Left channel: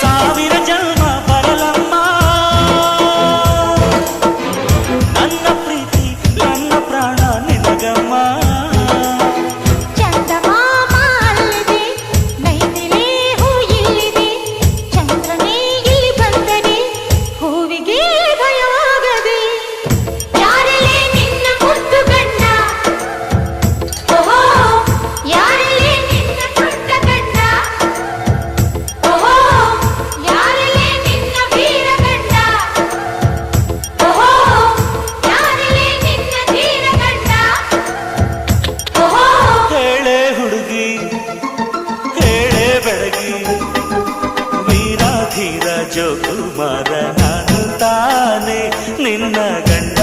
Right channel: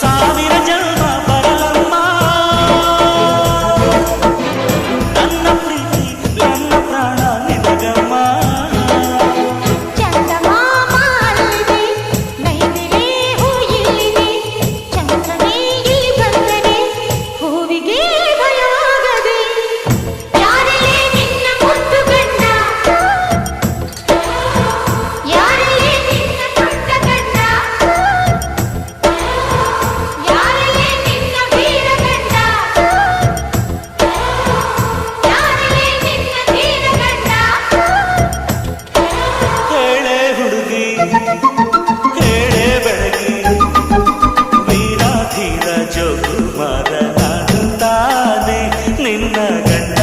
ಸಾವಿರ ಜನ್ಮ ಬರಲಮ್ಮ ನನ್ನ ಪ್ರೀತಿ ನನ್ನ ಪ್ರಾಣ ನಿನಗಮ್ಮ ಹುಡುಗಿ ಹೇಳೆ ಬೆಳಗಿ ವೀರಾಧೀರ ಜೋಕುಮಾರ ನಾನು ತಾನೆ ನಿನ್ನ ಗಂಡ